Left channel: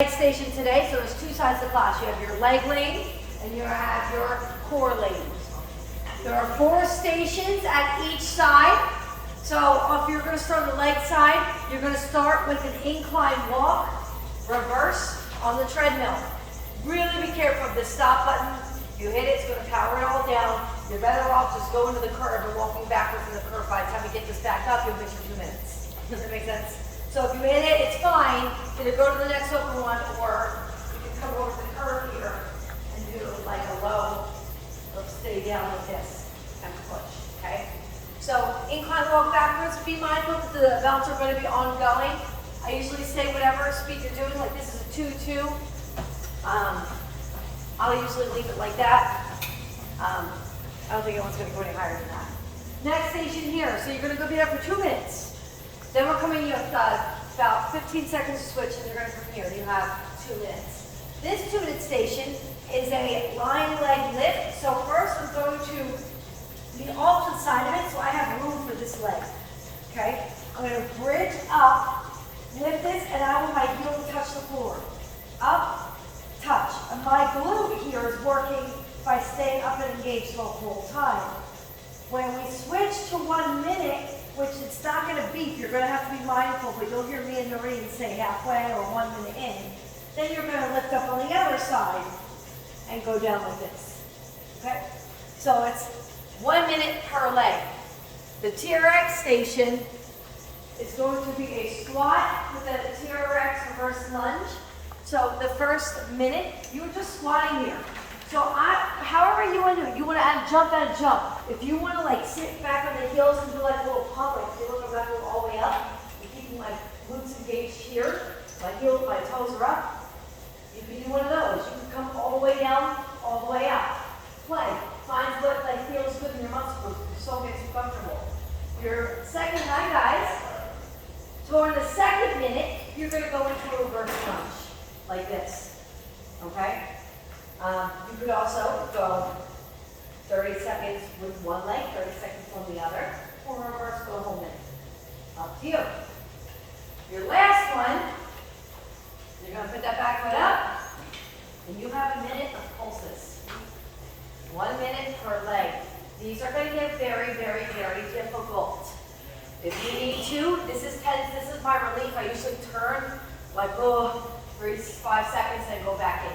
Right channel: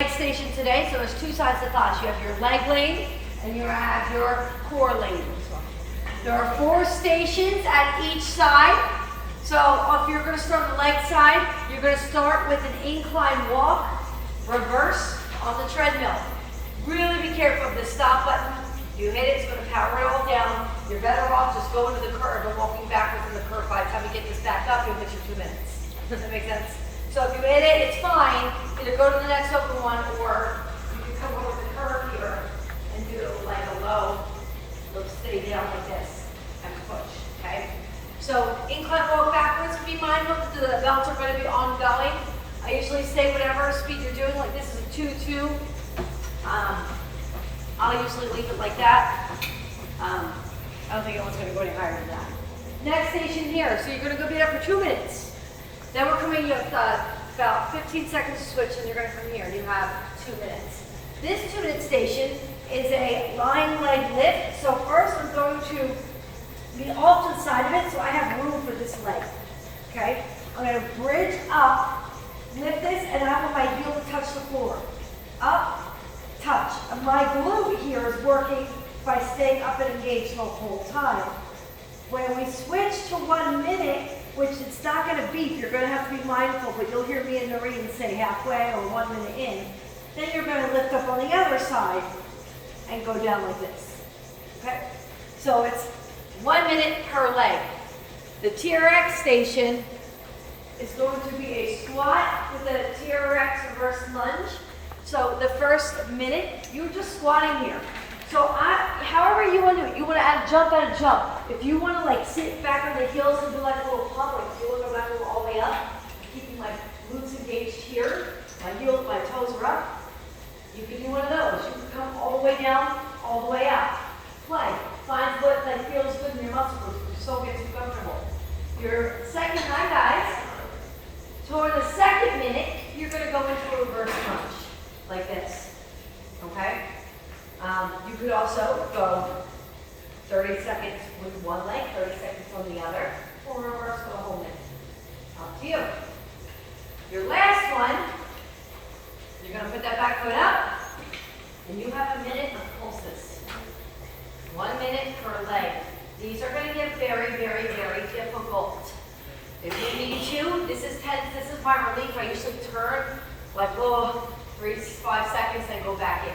Leg station today, so there's two sides of the class. You have your leg lane and you have your core lane. There are 4 stations at each side. So if you're going to start on the leg side, you're going to start with an incline walk, reverse on the treadmill. Really be careful of the stop button. You hit it, it's going to power it all down. You're better off just going to the curb and walking backwards on the curb. By the time you get this back up, you'll get your 2 minutes. Does that make sense? So if you hit it, it's fine. Either go to the next open one, or you can come over to the curb here and do it like a low. It'll stay down like this and push, okay? So incline walk backwards, be mindful that the belts are going to be ongoing. I usually say whatever speed you're doing, like this is a 2-2. I'll usually leave it like that. I don't think anyone's going to go any higher than that. Next station here, so you're going to go be there for 2 minutes. Then we're coming in with about 15 seconds to switch, and you're going to come here and you have 2 minutes. This 2-minute station is a lying leg lift. So first I'm going to be off to the side of it so I have room for this leg. Okay? I'm going to bridge up, lift this, and I want my heel to touch the floor. Up, touch. And my glute here is working by staying up and engaged the whole time. When we switch to 1 minute, which it's not going to beep, you're going to have to be mindful, but you'll hear me and Noreen say halfway or 1 minute in. Then you're going to lift up on the other side and go down like this. Okay? So it's 1 minute per leg. The TRX station is going to be a squat with a TRX reverse lunge. So the first minute, you're just squatting here. So however you want to do it, you want to add jump, add a jump. If you want to like sit back on the heels and do like a little pump, like see, look, I'm not going all the way up. I'm keeping my glutes engaged here. My heel, my toes are up. You can do one of those. You can come all the way down, all the way out. Play. Find what like feels good in your muscle groups. So get you comfortable. Your second line, guys. Toward the second minute, you're going to go into a reverse lunge like this. Okay? You could also go 30 seconds with one leg, 30 seconds on the other, or reverse for the whole minute. Up to you. Your last one, you're going to put that back foot up, and you have a minute of pulses. 1 minute per leg. These are going to get very, very, very difficult. If you need to, this is tense, this is my relief. I usually turn like little 3-5 seconds and go back in.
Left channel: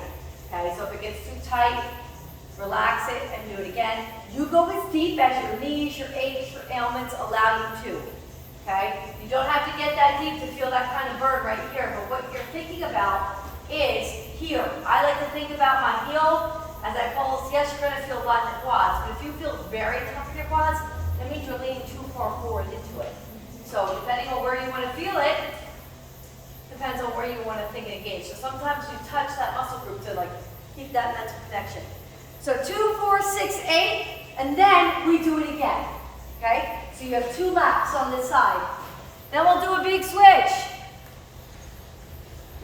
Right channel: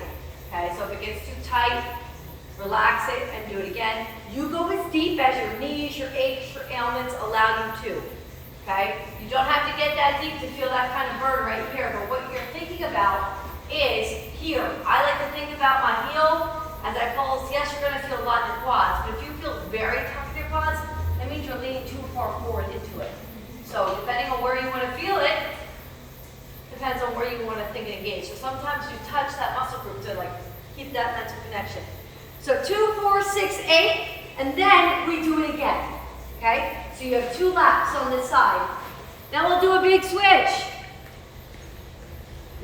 Okay, so if it gets too tight, relax it and do it again. You go as deep as your knees, your aches, your ailments allow you to. Okay? You don't have to get that deep to feel that kind of burn right here, but what you're thinking about is here. I like to think about my heel as I pulse. Yes, you're going to feel a lot in your quads, but if you feel very tough in your quads, that means you're leaning too far forward into it. So depending on where you want to feel it, depends on where you want to think and engage. So sometimes you touch that muscle group to like keep that mental connection. So 2, 4, 6, 8, and then we do it again. Okay? So you have 2 laps on this side. Then we'll do a big switch.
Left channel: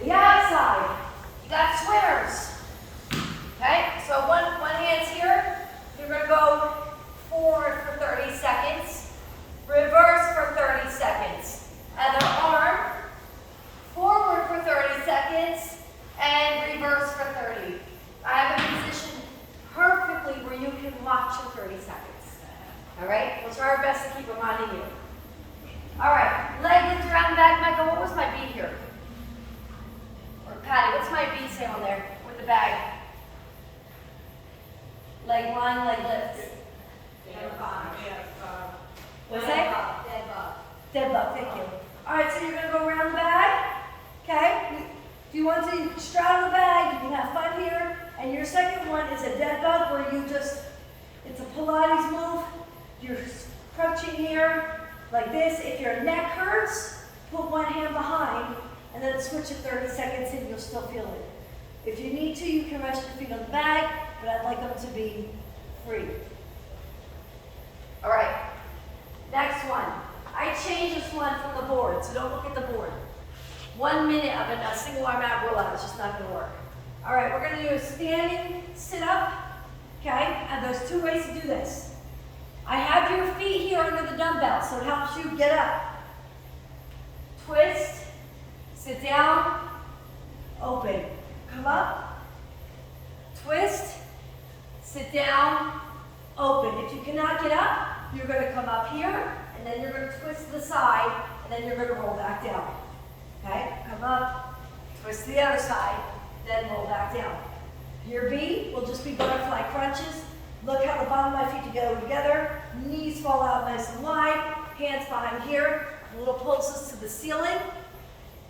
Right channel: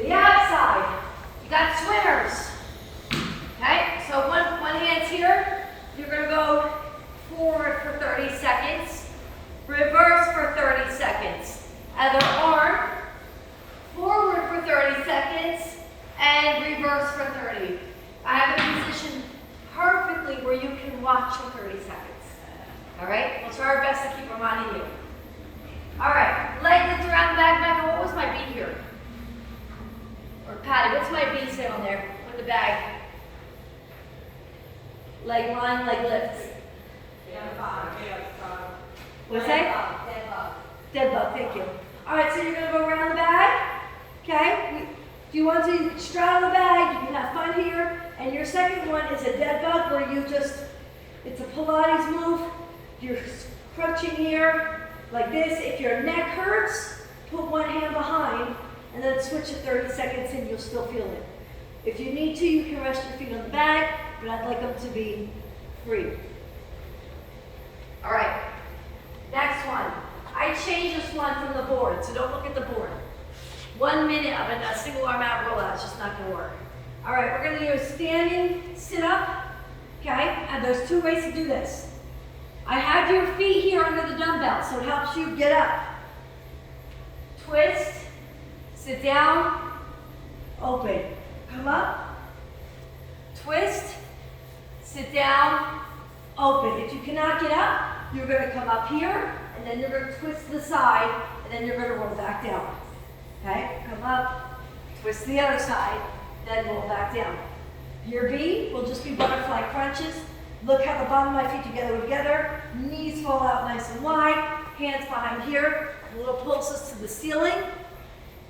The outside. You got swimmers. Okay? So one hand's here. You're going to go forward for 30 seconds. Reverse for 30 seconds. Other arm. Forward for 30 seconds, and reverse for 30. I have it positioned perfectly where you can watch for 30 seconds. All right? We'll try our best to keep reminding you. All right, leg lift around the back. Michael, what was my beat here? Or Patty, what's my beat say on there with the bag? Leg line, leg lift. What's that? Dead bug. Dead bug, thank you. All right, so you're going to go around the bag. Okay? If you want to straddle the bag, you can have fun here. And your second one is a dead bug where you just, it's a Pilates move. You're crutching here like this. If your neck hurts, put one hand behind and then switch it 30 seconds in, you'll still feel it. If you need to, you can rest your feet on the bag, but I'd like them to be free. All right, next one. I changed this one from the board, so don't look at the board. 1 minute of a single arm ab rollout, it's just not going to work. All right, we're going to do a standing sit-up, okay? And there's 2 ways to do this. I have your feet here under the dumbbell, so it helps you get up. Twist, sit down, open. Come up, twist, sit down, open. If you cannot get up, you're going to come up here, and then you're going to twist to the side, and then you're going to roll back down. Okay? Come up, twist to the other side, then roll back down. Your B will just be butterfly crunches. Look how the bottom of my feet together, knees fall out nice and wide, hands behind here, little pulses to the ceiling.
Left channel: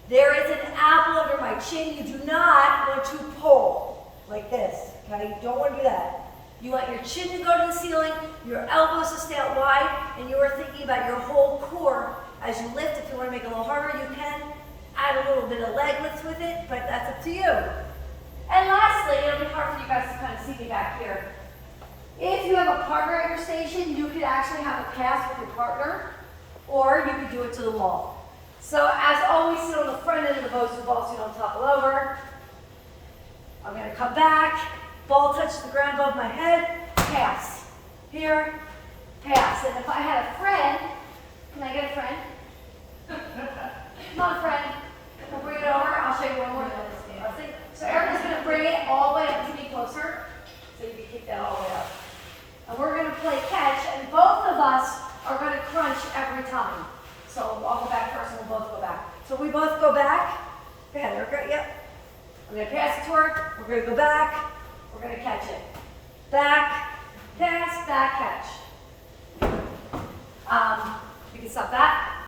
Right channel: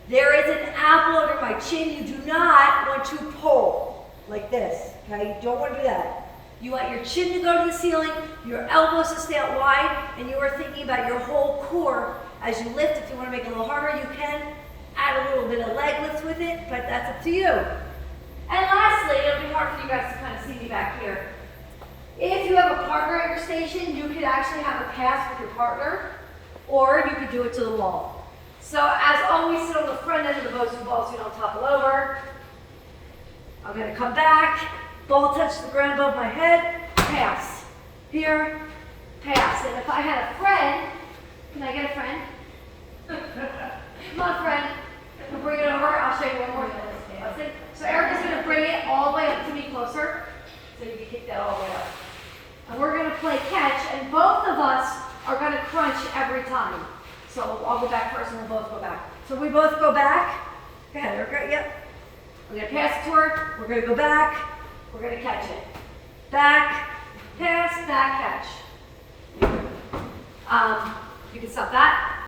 There is an apple under my chin. You do not want to pull like this, okay? You don't want to do that. You want your chin to go to the ceiling, your elbows to stay out wide, and you are thinking about your whole core as you lift. If you want to make it a little harder, you can add a little bit of leg lift with it, but that's up to you. And lastly, it'll be hard for you guys to kind of see me back here. If you have a partner at your station, you could actually have a pass with your partner, or you could do it to the wall. So as always, sit on the front end of the poster ball so you don't topple over. I'm going to come back, ball touch the ground above my head, pass. Here, pass. And if I had a friend, can I get a friend? Come on, friend. We'll bring it over. I'll show you one more thing. So Erica's going to bring it all the way up to me closer, so you can kick that all the way up. And we're going to play catch, and both of us are going to crunch every time. So I'll go back first, and we'll both go back. So we both go back. Okay, there we go. Yep. I'm going to pass it to her. We're going to go back. We're going to catch it. Back, pass, back, catch. You can stop that.